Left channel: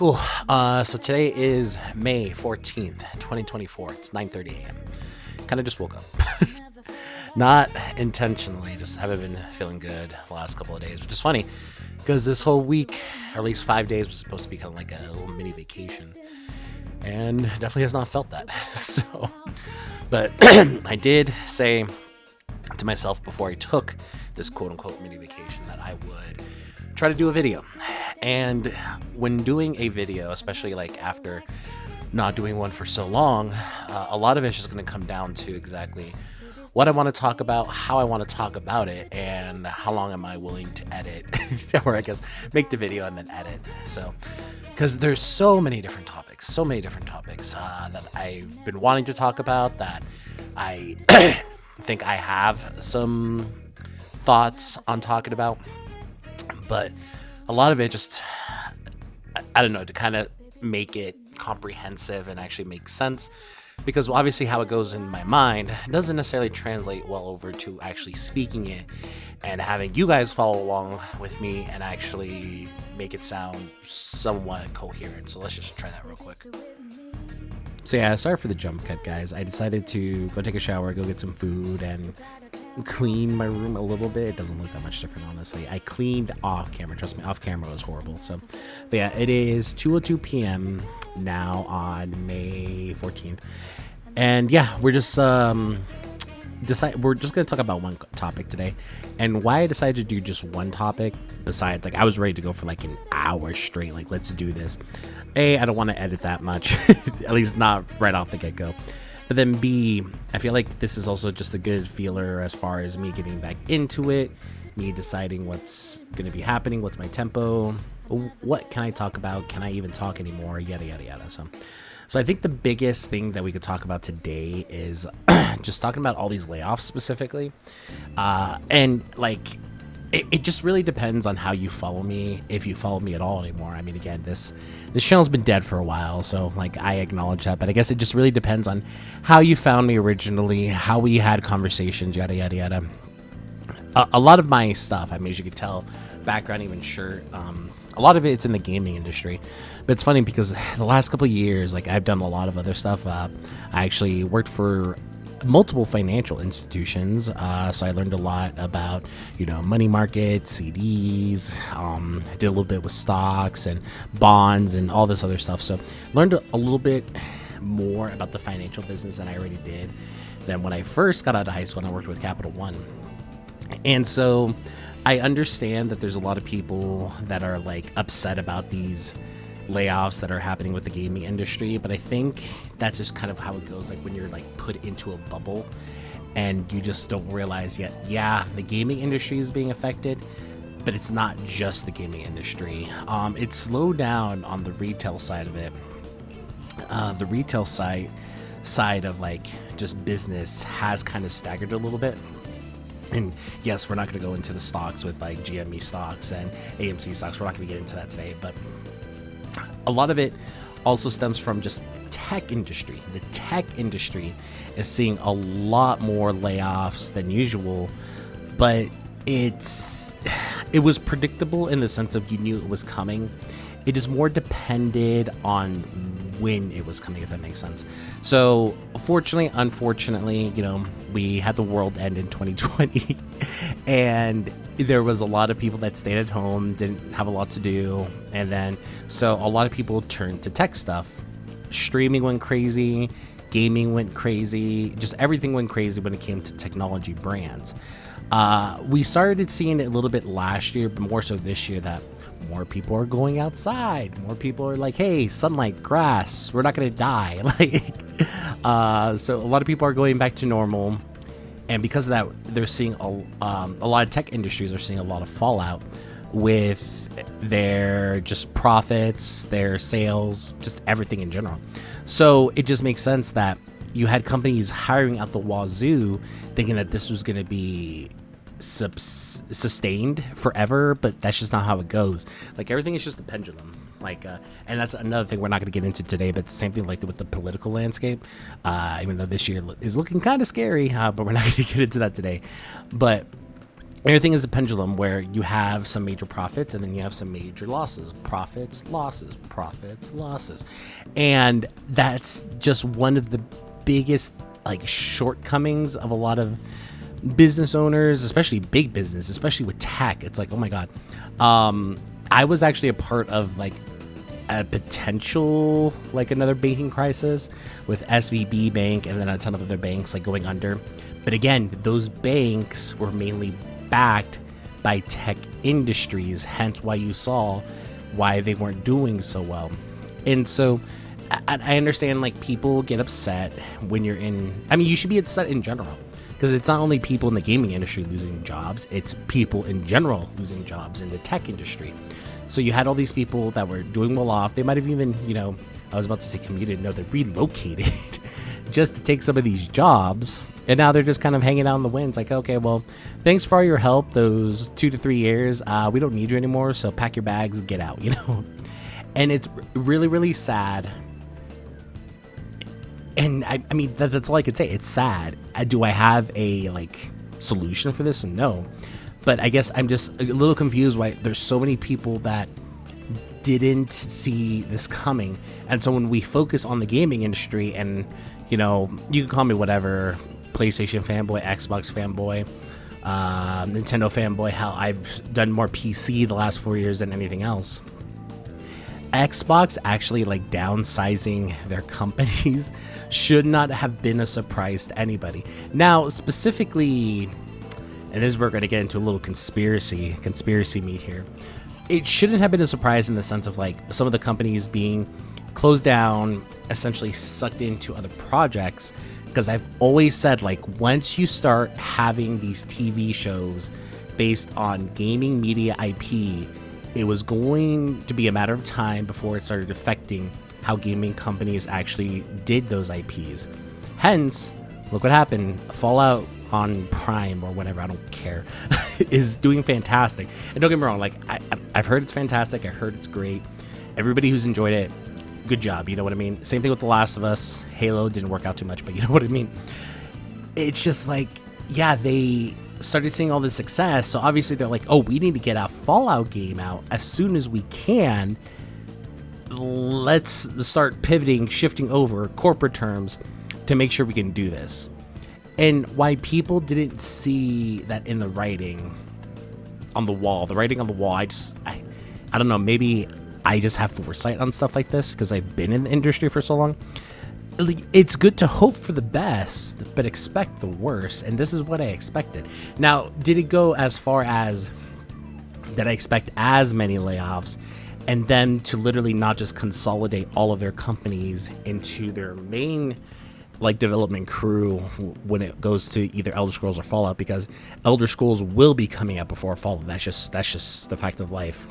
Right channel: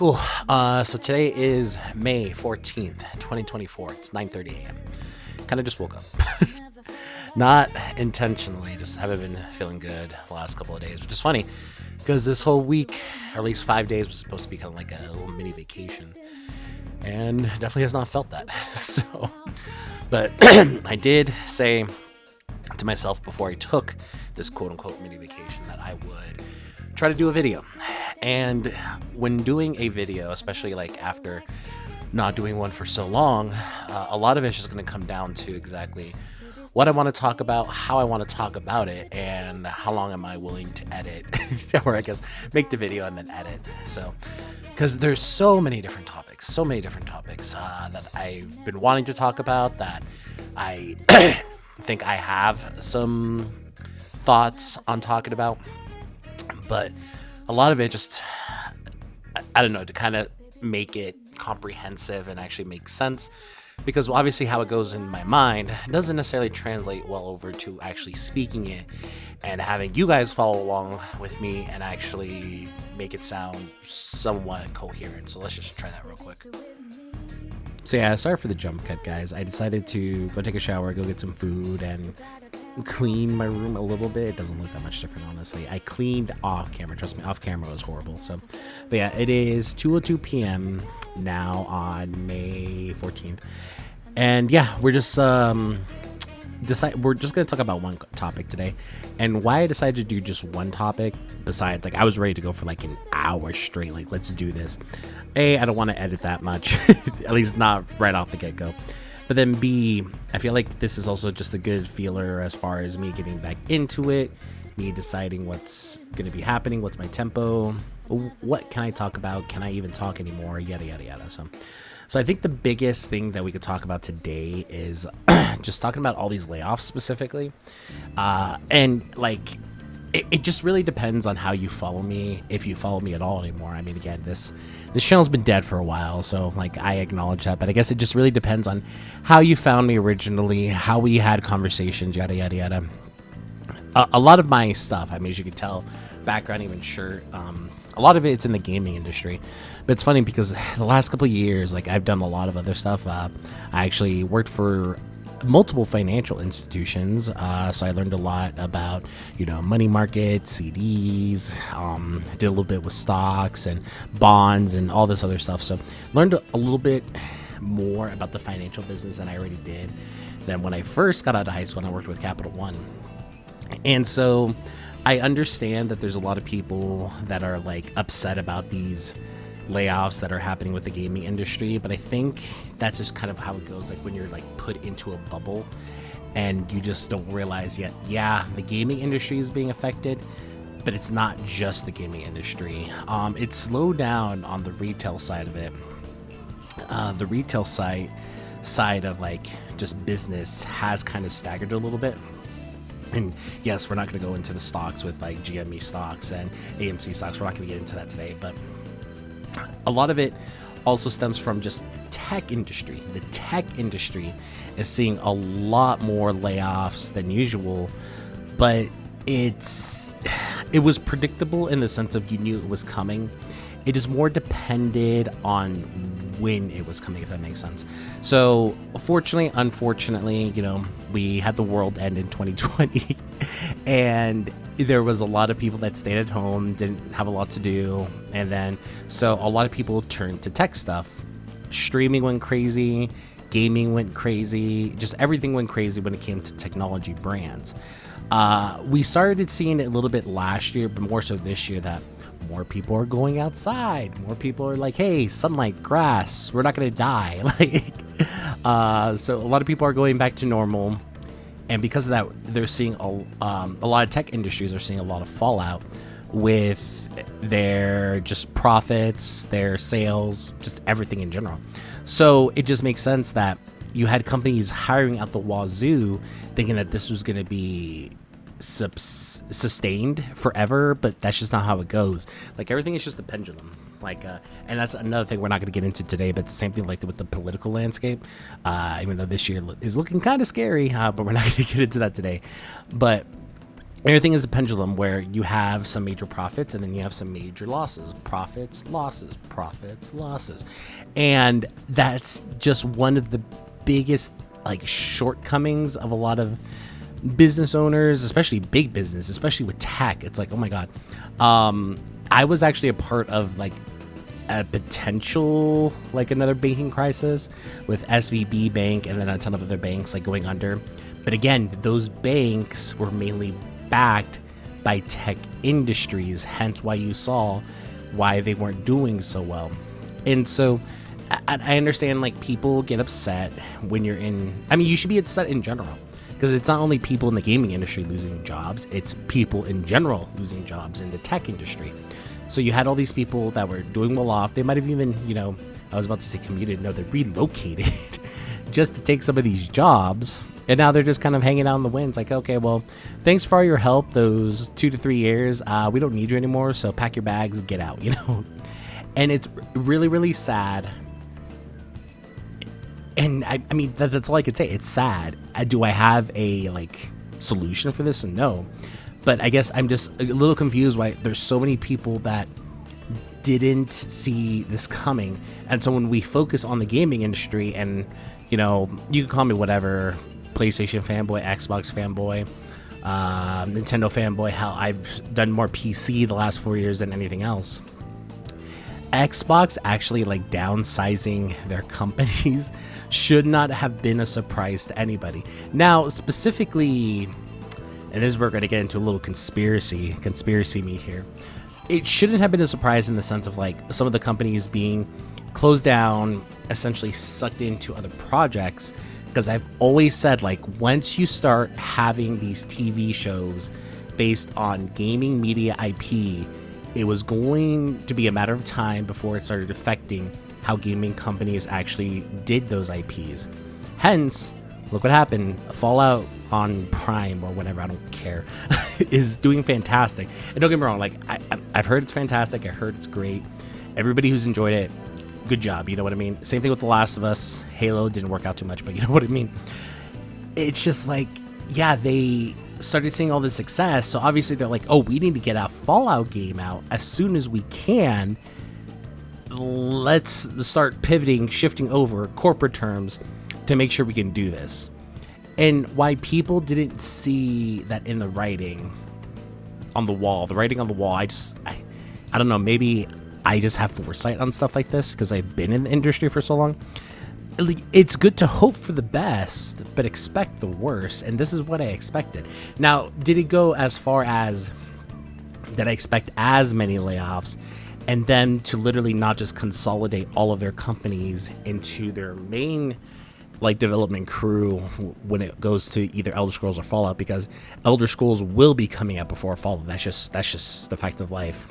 Cool. So today is May 14th, 2024. It's 9:30 a.m. Kind of just woke up. Not intentionally, just haven't been feeling good the last couple of days, which is funny because this whole week, or at least 5 days, was supposed to be kind of like a little mini vacation. And definitely has not felt that. But I did say to myself before I took this quote unquote mini vacation that I would try to do a video. And when doing a video, especially like after not doing one for so long, a lot of it's just going to come down to exactly what I want to talk about, how I want to talk about it, and how long am I willing to edit, or I guess make the video and then edit. So, because there's so many different topics that I've been wanting to talk about that I think I have some thoughts on talking about, but a lot of it just, I don't know, to kind of make it comprehensive and actually make sense, because obviously how it goes in my mind doesn't necessarily translate well over to actually speaking it and having you guys follow along with me and actually make it sound somewhat coherent. So let's just try that real quick. So yeah, sorry for the jump cut, guys. I decided to go take a shower, go get some food, and clean my room a little bit. It doesn't look that much different, honestly. I cleaned off camera. Trust me, off camera was horrible. So, but yeah, it is 2:02 p.m. now on May 14th, and yeah, we're just gonna talk about one topic today. And why I decided to do just one topic, besides like I was ready to go for like an hour straight, like let's do this. A, I don't want to edit that much, at least not right off the get-go. But then B, I feel like this is also just a good feeler as far as me getting back into it, me deciding what's going to be happening, what's my tempo, what can I talk about, can I even talk anymore, yada, yada, yada. So I think the biggest thing that we could talk about today is just talking about all these layoffs specifically. And like, it just really depends on how you follow me, if you follow me at all anymore. I mean, again, this channel's been dead for a while, so like I acknowledge that, but I guess it just really depends on how you found me originally, how we had conversations, yada yada yada. A lot of my stuff, I mean, as you can tell, background, even shirt, a lot of it's in the gaming industry. But it's funny because the last couple of years, like I've done a lot of other stuff. I actually worked for multiple financial institutions, so I learned a lot about, money markets, CDs. I did a little bit with stocks and bonds and all this other stuff. So learned a little bit more about the financial business than I already did. Then when I first got out of high school, I worked with Capital One, and so I understand that there's a lot of people that are like upset about these layoffs that are happening with the gaming industry, but I think that's just kind of how it goes, like when you're like put into a bubble and you just don't realize yet, yeah, the gaming industry is being affected, but it's not just the gaming industry. It's slowed down on the retail side of it. The retail side of like just business has kind of staggered a little bit. And yes, we're not going to go into the stocks with like GME stocks and AMC stocks. We're not going to get into that today, but a lot of it also stems from just the tech industry. The tech industry is seeing a lot more layoffs than usual, but it was predictable in the sense of you knew it was coming. It is more depended on when it was coming, if that makes sense. So fortunately, unfortunately, we had the world end in 2020 and there was a lot of people that stayed at home, didn't have a lot to do. And then, so a lot of people turned to tech stuff. Streaming went crazy, gaming went crazy, just everything went crazy when it came to technology brands. We started seeing it a little bit last year, but more so this year, that more people are going outside. More people are like, hey, sunlight, grass, we're not going to die. So a lot of people are going back to normal. And because of that, they're seeing a lot of tech industries are seeing a lot of fallout with their just profits, their sales, just everything in general. So it just makes sense that you had companies hiring out the wazoo thinking that this was going to be sustained forever, but that's just not how it goes. Like everything is just a pendulum. And that's another thing we're not going to get into today, but it's the same thing like with the political landscape, even though this year is looking kind of scary, but we're not going to get into that today. But Everything is a pendulum where you have some major profits and then you have some major losses. Profits, losses, profits, losses. And that's just one of the biggest like shortcomings of a lot of business owners, especially big business, especially with tech. It's like, oh my God. I was actually a part of like a potential, like another banking crisis with SVB Bank and then a ton of other banks like going under. But again, those banks were mainly backed by tech industries, hence why you saw why they weren't doing so well. And so I understand like people get upset when you're in, I mean, you should be upset in general because it's not only people in the gaming industry losing jobs, it's people in general losing jobs in the tech industry. So you had all these people that were doing well off. They might have even, I was about to say commuted. No, they relocated just to take some of these jobs. And now they're just kind of hanging out in the winds like, okay, well, thanks for all your help those 2 to 3 years. We don't need you anymore, so pack your bags and get out, And it's really, really sad. And I mean, that's all I could say. It's sad. Do I have a, solution for this? No. But I guess I'm just a little confused why there's so many people that didn't see this coming. And so when we focus on the gaming industry and, you can call me whatever, PlayStation fanboy, Xbox fanboy, Nintendo fanboy, hell, I've done more PC the last 4 years than anything else. Xbox actually downsizing their companies should not have been a surprise to anybody. Now, specifically, and this we're going to get into a little conspiracy me here. It shouldn't have been a surprise in the sense of some of the companies being closed down, essentially sucked into other projects. Because I've always said, once you start having these TV shows based on gaming media IP, it was going to be a matter of time before it started affecting how gaming companies actually did those IPs. Hence, look what happened. Fallout on Prime or whatever, I don't care, is doing fantastic. And don't get me wrong, I've heard it's fantastic. I heard it's great. Everybody who's enjoyed it, good job, you know what I mean? Same thing with The Last of Us. Halo didn't work out too much, but you know what I mean? It's just they started seeing all this success, so obviously they're like, oh, we need to get a Fallout game out as soon as we can. Let's start pivoting, shifting over Corporate terms to make sure we can do this. And why people didn't see that in the writing on the wall, I don't know, maybe I just have foresight on stuff like this because I've been in the industry for so long. It's good to hope for the best, but expect the worst, and this is what I expected. Now, did it go as far as that I expect as many layoffs, and then to literally not just consolidate all of their companies into their main development crew when it goes to either Elder Scrolls or Fallout, because Elder Scrolls will be coming out before Fallout. That's just the fact of life.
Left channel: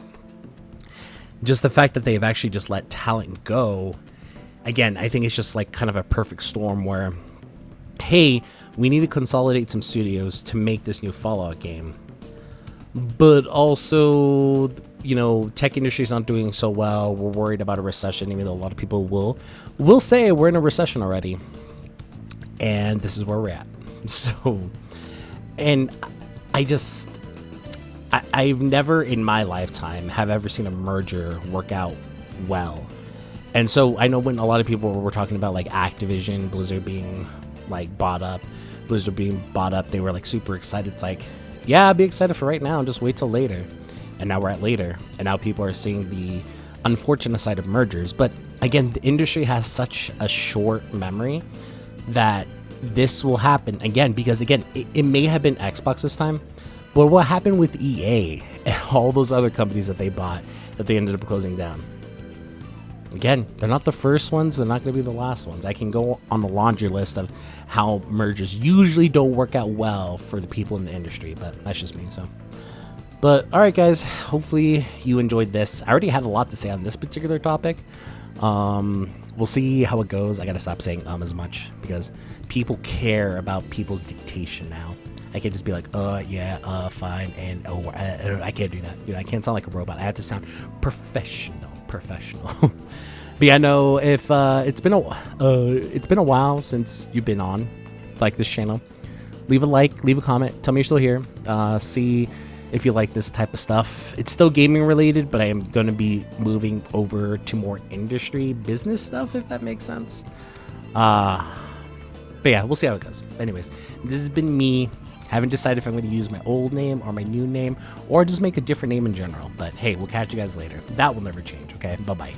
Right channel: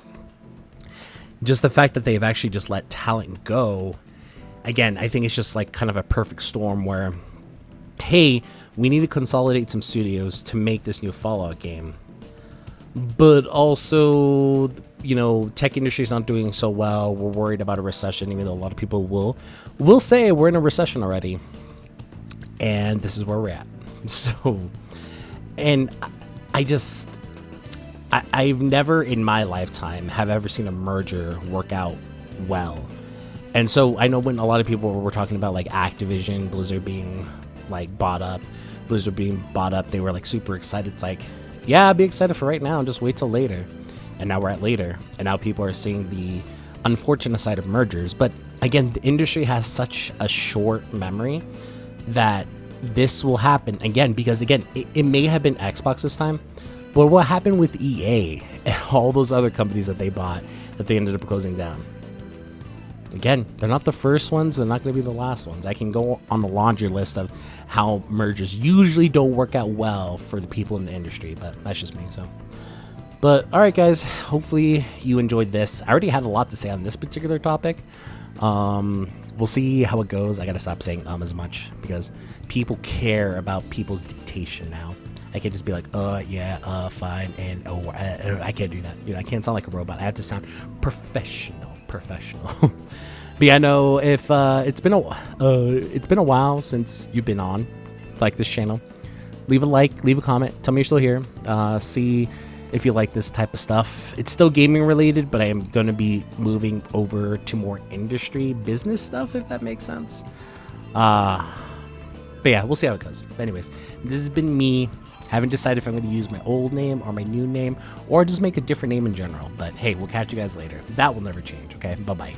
Just the fact that they've actually just let talent go. Again, I think it's just kind of a perfect storm where, hey, we need to consolidate some studios to make this new Fallout game. But also, tech industry's not doing so well. We're worried about a recession, even though a lot of people will say we're in a recession already. And this is where we're at. So, and I've never in my lifetime have ever seen a merger work out well. And so I know when a lot of people were talking about Activision, Blizzard being bought up, they were super excited. It's yeah, I'd be excited for right now, just wait till later. And now we're at later. And now people are seeing the unfortunate side of mergers. But again, the industry has such a short memory that this will happen again, because again, it may have been Xbox this time, but what happened with EA and all those other companies that they bought that they ended up closing down? Again, they're not the first ones. They're not going to be the last ones. I can go on the laundry list of how mergers usually don't work out well for the people in the industry, but that's just me. But all right, guys, hopefully you enjoyed this. I already had a lot to say on this particular topic. We'll see how it goes. I got to stop saying as much because people care about people's dictation now. I can't just be fine, and I can't do that. I can't sound like a robot. I have to sound professional. But yeah, no, if it's been a while since you've been on this channel, leave a like, leave a comment, tell me you're still here. See if you like this type of stuff. It's still gaming related, but I am going to be moving over to more industry business stuff, if that makes sense. But yeah, we'll see how it goes. Anyways, this has been me. I haven't decided if I'm going to use my old name or my new name, or just make a different name in general. But hey, we'll catch you guys later. That will never change, okay? Bye-bye.